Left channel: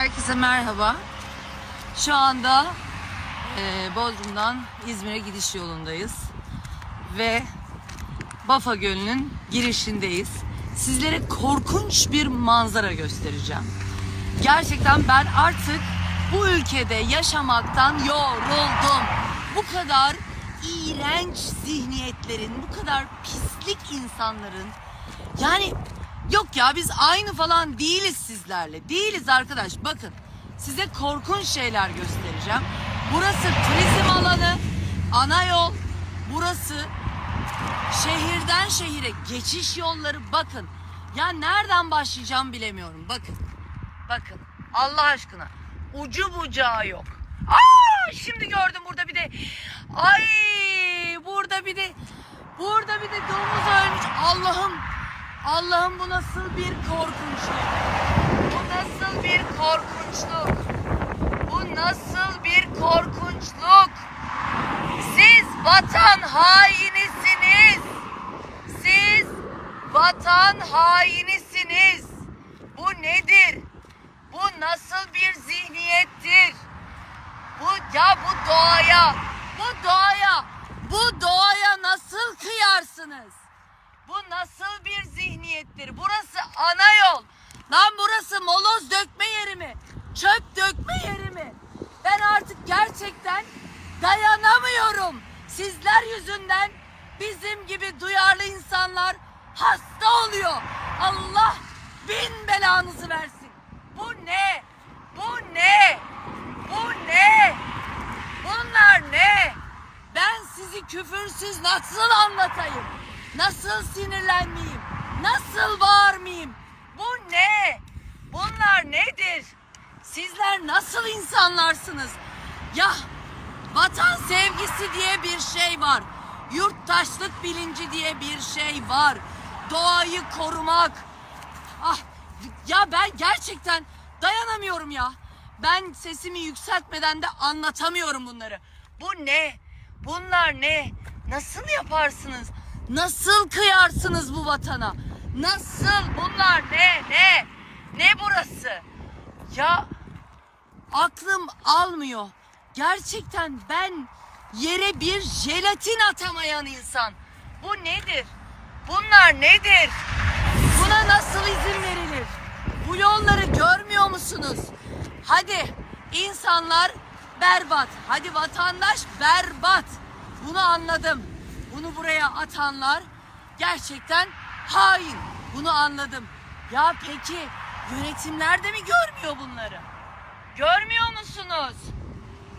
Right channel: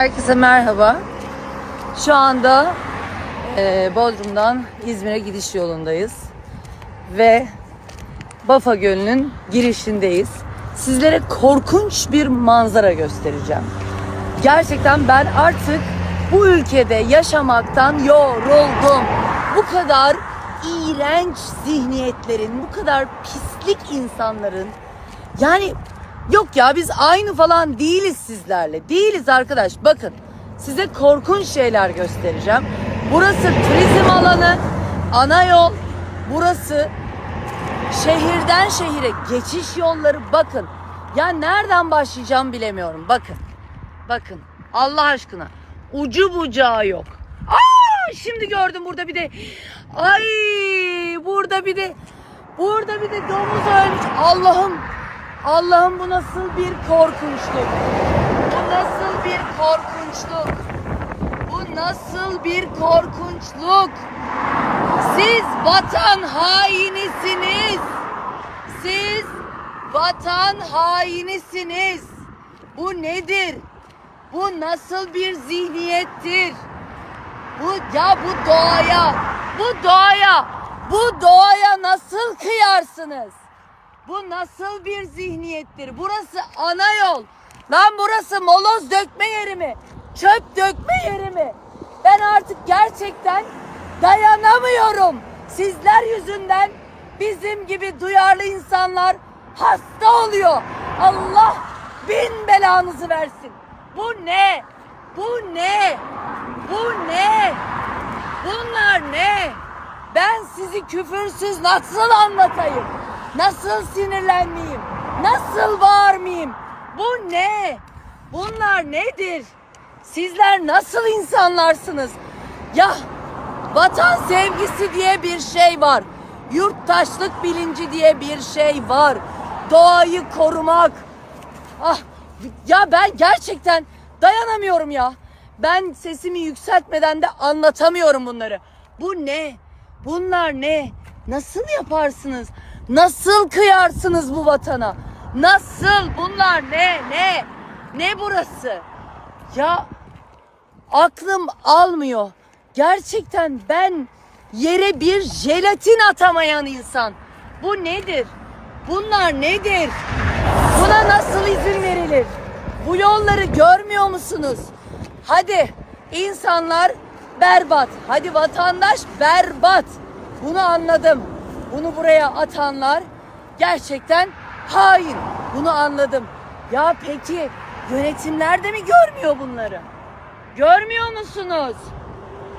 Herkese merhaba. Şu anda e, Bodrum'dan İzmir'e gidiş yolundayız. Ve Bafa Gölü'nün girişindeyiz. Sizlere korkunç bir manzara göstereceğim. Gerçekten ben artık bu ülkede yaşamaktan yoruldum. Bu kadar iğrenç zihniyetlerin, bu kadar pislik insanların yani yok ya biz aynı falan değiliz sizlerle. Değiliz arkadaş. Bakın size korkunç şeyler göstereceğim. Burası turizm alanı, ana yol. Burası şehirden şehire geçiş yolları. Bakın ya nereden başlayacağım bilemiyorum. Bakın. Bakın Allah aşkına ucu bucağı yok. Aa şimdi gördüm burada bir de ay burada bir de burada bir de domuz ölmüş. Allah'ım Allah'ım bu nasıl bir korkunçluk? Bu nasıl bir korkunçluk? Bu nasıl bir korkunçluk? Siz vatan hainisiniz. Siz vatan hainisiniz. Bu nedir? Bu nasıl bir zihniyettir? Bu ya bu doğaya, bu doğaya, bu doğaya nasıl kıyarsınız? Bu nasıl bir zihniyettir? Burası ana yol. Lan burası moloz dökme yeri mi? Çöp dökme yeri mi? Ben artık gerçekten dayanamıyorum. Sizler yüzünden bizim gibi duyarlı insanlar hasta oluyor. Allah bin belanızı versin. Bu ne? Bu ne? Bu ne? Bunlar ne? Ben sizi küfürsüz nasıl anlatayım? Nasıl sinirlenmeyeyim? Nasıl bağırmayayım? Bu ne? Bunlar nedir? Sizler nasıl insanlarsınız? Ya vatan sevgisi diye bir şey var. Yurttaşlık bilinci diye bir şey var. Doğayı korumak. Ah, ya ben gerçekten dayanamıyorum ya. Ben sesimi yükseltmeden de anlatamıyorum bunları. Bu ne? Bunlar ne? Nasıl yaparsınız? Nasıl kıyarsınız bu vatana? Nasıl? Bunlar ne? Ne? Ne burası? Ya aklım almıyor. Gerçekten ben yere bir jelatin atamayan insan. Bu nedir? Bunlar nedir? Buna nasıl izin verilir? Bu yolları görmüyor musunuz? Hadi insanlar berbat. Hadi vatandaş berbat. Bunu anladım. Bunu buraya atanlar gerçekten hain. Bunu anladım. Ya peki yönetimler de mi görmüyor bunları? Görmüyor musunuz?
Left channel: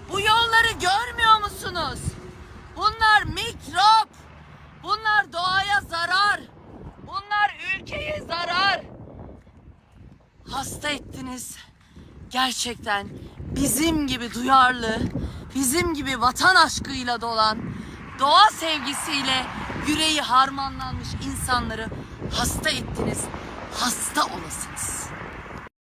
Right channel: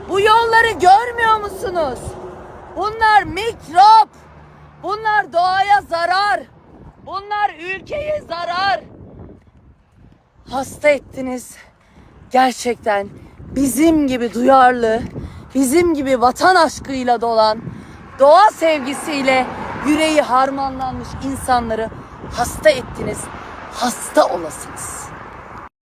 Bu yolları görmüyor musunuz? Bunlar mikrop. Bunlar doğaya zarar. Bunlar ülkeye zarar. Hasta ettiniz. Gerçekten bizim gibi duyarlı, bizim gibi vatan aşkıyla dolan, doğa sevgisiyle yüreği harmanlanmış insanları hasta ettiniz. Hasta olasınız.